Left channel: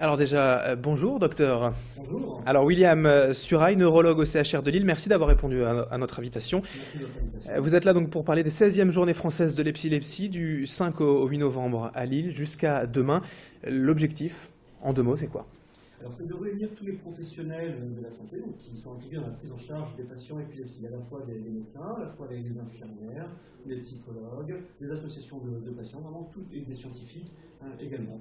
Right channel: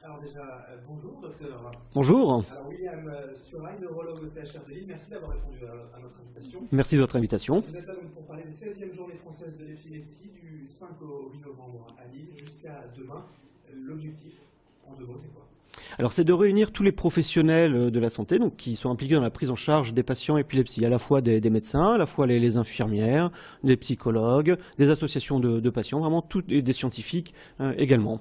Alors déjà, bonjour docteur. Bonjour, Alors William Surail, neurologue au CHR de Lille, merci d'avoir répondu à notre invitation. merci de votre invitation. Vous êtes là donc pour parler des 16e journées françaises de l'épilepsie du 5 au 8 novembre à Lille jusqu'à demain. L'objectif, en deux mots, c'est quoi? Alors c'est de réunir tous les professionnels de la santé donc, qui sont impliqués dans la prise en charge des patients épilepsie, à la fois des médecins, à la fois les infirmières, des psychologues, des associations de patients, vraiment et des scientifiques également.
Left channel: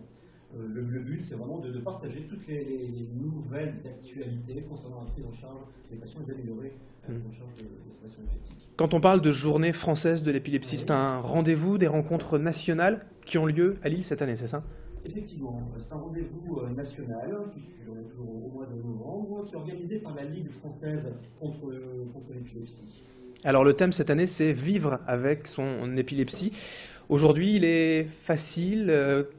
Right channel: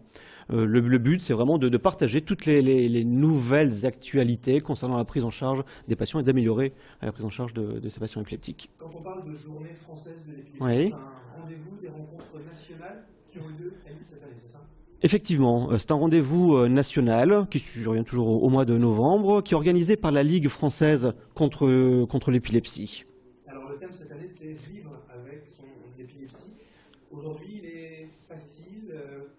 Le but, c'est vraiment de partager toutes les nouvelles actualités concernant la prise en charge des patients et d'améliorer la prise en charge de ces patients épileptiques. Quand on parle de journée française de l'épilepsie, Oui. c'est un rendez-vous, des rencontres nationales qui ont lieu à Lille cette année, c'est ça? Effectivement, c'est un rendez-vous national qui survient toujours au mois de novembre, qui est organisé par la Ligue française contre l'épilepsie. Alors le thème cette année, c'est vivre avec son épilepsie. Aujourd'hui, il est facile.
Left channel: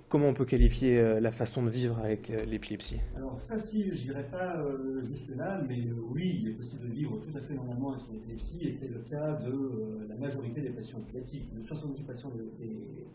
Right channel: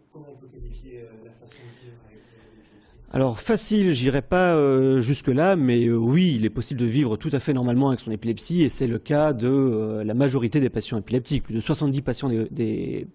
Comment on peut qualifier la façon de vivre avec l'épilepsie? Alors facile, j'irai pas jusque-là, mais oui, il est possible de vivre tout à fait normalement avec son épilepsie, et c'est le cas de la majorité des patients épileptiques. Plus de 70% des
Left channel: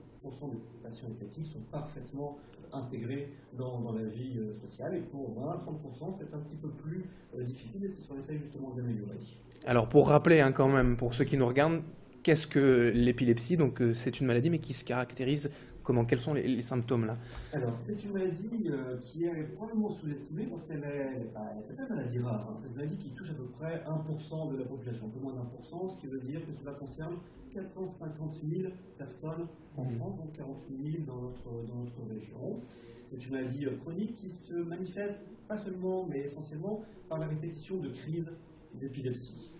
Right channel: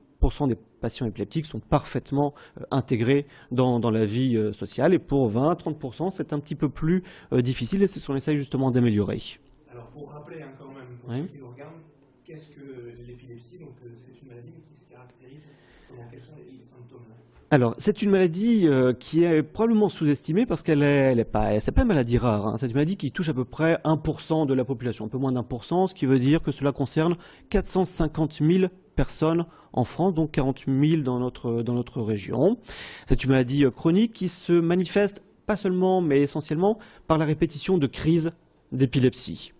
patients épileptiques sont parfaitement intégrés dans la vie sociale, et pour 20-30%, c'est un petit peu plus difficile, et c'est ce qu'on essaye justement d'améliorer. Alors pour rappeler quand même, pour Oui. ceux qui nous regardent, qu'est-ce que l'épilepsie? Donc c'est une maladie, mais qui se caractérise comment? Quels sont les symptômes là? Alors, c'est une maladie qui est probablement sous-estimée parce c'est pas une maladie rare, hein. C'est une maladie qui touche à peu près 1% de la population, un peu moins d'1%, ce qui veut dire que cela concerne 450 000 personnes en France, donc 40 000 dans notre région. C'est une maladie chronique qui se manifeste pas seulement, mais essentiellement par la répétition de crises d'épilepsie.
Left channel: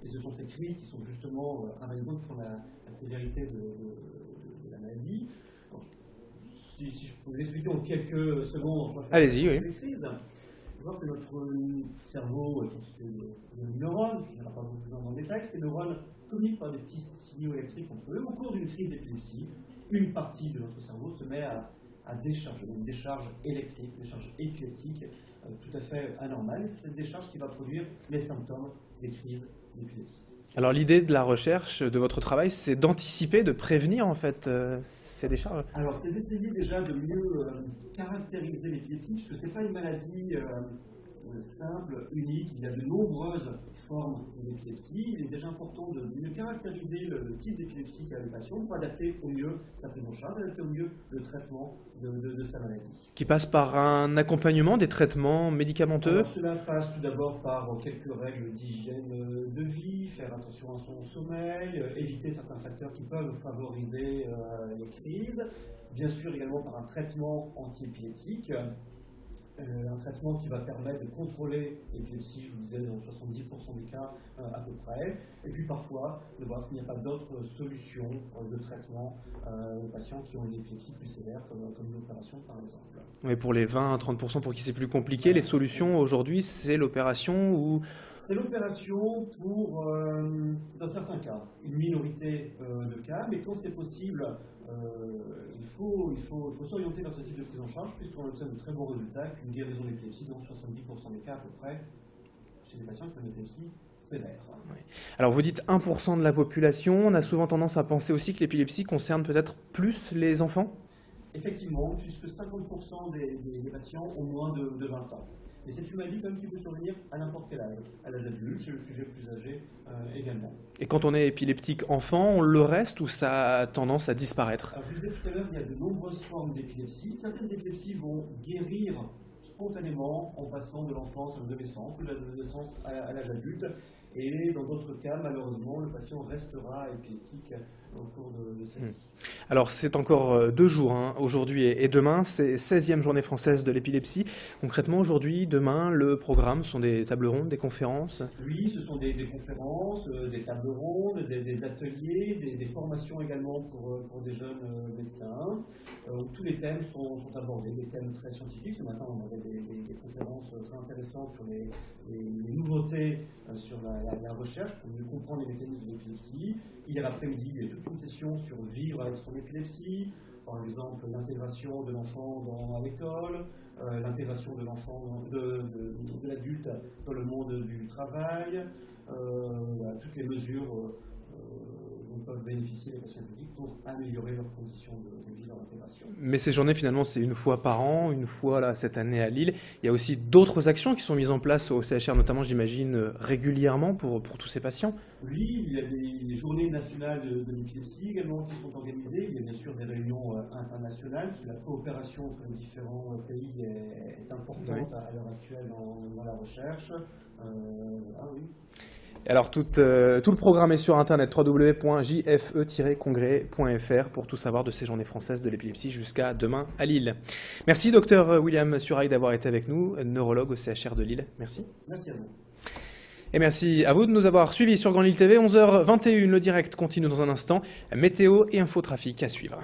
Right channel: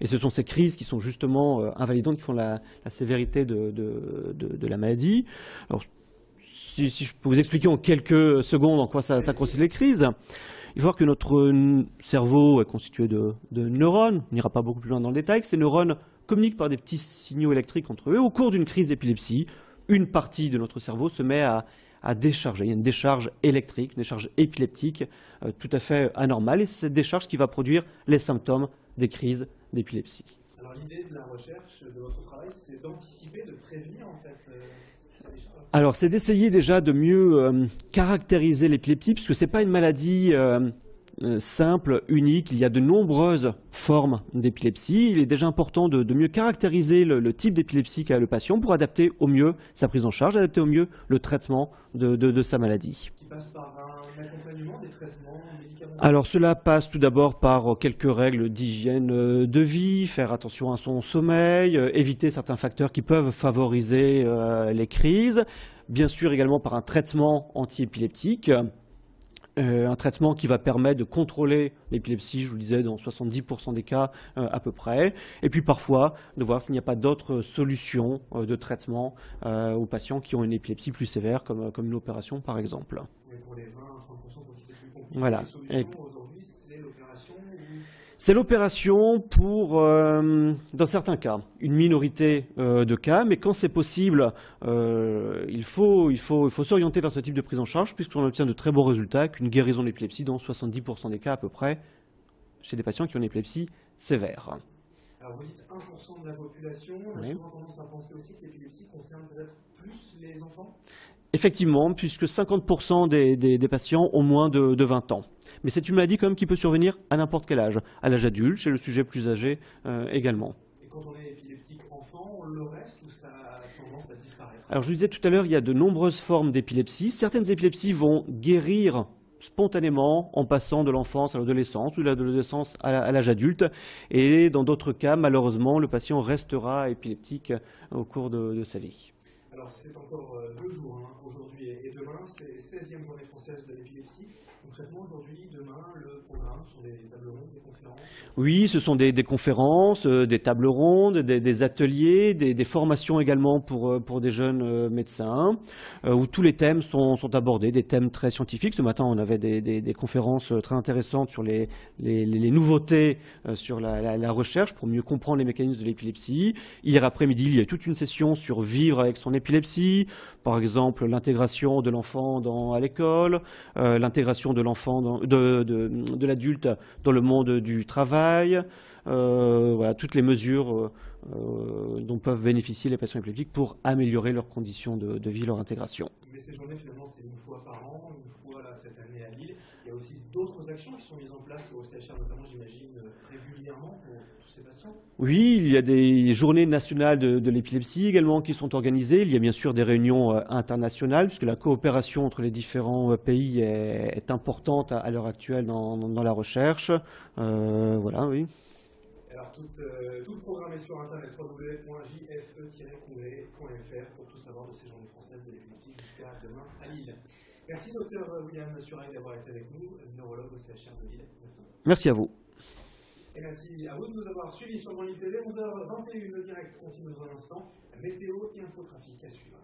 Et ce sont ces crises qui sont justement invalidantes, qui font la sévérité de la maladie. Alors, si je peux vous expliquer en quelques secondes en quoi ça consiste, oui. les crises, il faut voir que notre cerveau est constitué de neurones. On n'ira pas beaucoup plus loin dans le détail. Ces neurones communiquent par des petits signaux électriques entre eux. Au cours d'une crise d'épilepsie, une partie de notre cerveau se met à décharger. Il y a une décharge électrique, une décharge épileptique tout à fait anormale. Et c'est cette décharge qui va produire les symptômes des crises d'épilepsie. Alors l'idée de la recherche, de votre travail, c'est d'anticiper, de prévenir en fait ces décharges. Alors, c'est d'essayer déjà de mieux caractériser l'épilepsie, puisque ce n'est pas une maladie simple, unique. Il y a de nombreuses formes d'épilepsie. Il est déjà important de mieux caractériser le type d'épilepsie qu'a le patient pour adapter au mieux sa prise en charge, adapter au mieux le traitement de sa maladie. Qui passe par un accompagnement, des traitements médicamenteux. Alors cela passe tout d'abord par quelques règles d'hygiène de vie, faire attention à son sommeil, éviter certains facteurs qui peuvent favoriser les crises, bien sûr également par un traitement antiépileptique. Un traitement qui va permettre de contrôler l'épilepsie, je vous le disais, dans 70% des cas à peu près. Et puis parfois, de voir s'il n'y a pas d'autres solutions de traitement aux patients qui ont une épilepsie plus sévère, comme une opération par exemple. Oui, pour les 20 à 30% pour qui c'est plus compliqué, Voilà. les solutions aujourd'hui, c'est l'opération ou... C'est l'opération pour, dans certains cas, une minorité de cas, mais quand c'est possible, il faut s'orienter vers ce type de prise en charge, puisqu'on obtient de très bons résultats, qu'une guérison de l'épilepsie dans 70% des cas à peu près, chez des patients qui ont une épilepsie sévère. Alors vous dites 1% de la population, on a souvent tendance à penser aussi que l'épilepsie concerne peut-être plus les enfants? Effectivement, puisque 50% des patients ont moins de 20 ans. Mais c'est une maladie quand même qui peut survenir à n'importe quel âge, à l'âge adulte, chez le sujet plus âgé également. Et quand on est épileptique enfant, on le reste ou ça a tendance à disparaître? Alors je vous disais tout à l'heure, il y a de nombreuses formes d'épilepsie. Certaines épilepsies vont guérir spontanément en passant de l'enfance à l'adolescence ou de l'adolescence à l'âge adulte. Et dans d'autres cas, malheureusement, le patient restera épileptique au cours de sa vie. Alors c'est encore 2 jours, hein, aujourd'hui et demain, c'est 16e journée française de l'épilepsie. Concrètement aujourd'hui, demain, le programme sont des tables rondes, des conférences? Oui, ce sont des conférences, des tables rondes, des ateliers, des formations également pour des jeunes médecins, où tous les thèmes sont abordés, des thèmes très scientifiques. Ce matin, on avait des conférences très intéressantes sur les nouveautés sur la recherche pour mieux comprendre les mécanismes de l'épilepsie. Hier après-midi, il y a toute une session sur vivre avec son épilepsie, par exemple l'intégration de l'enfant à l'école, l'intégration de l'enfant, de l'adulte dans le monde du travail, voilà, toutes les mesures dont peuvent bénéficier les patients épileptiques pour améliorer leurs conditions de vie, leur intégration. Mais ces journées, finalement, c'est une fois par an, une fois là, cette année à Lille. Il y a aussi d'autres actions qui sont mises en place au CHR, notamment, j'imagine, régulièrement pour tous ces patients. Oui, il y a des journées nationales de l'épilepsie également qui sont organisées. Il y a bien sûr des réunions internationales, puisque la coopération entre les différents pays est importante à l'heure actuelle dans la recherche. Voilà, oui. Alors tout le programme est sur internet www.jfe-congrès.fr pour tout savoir de ces journées françaises de l'épilepsie jusqu'à demain à Lille. Merci docteur William Surail d'avoir été avec nous, neurologue au CHR de Lille. Merci. Merci à vous. Et merci à vous de nous avoir suivis sur Grand Lille TV. 11h21, le direct continue dans un instant. Météo et infotrafic à suivre.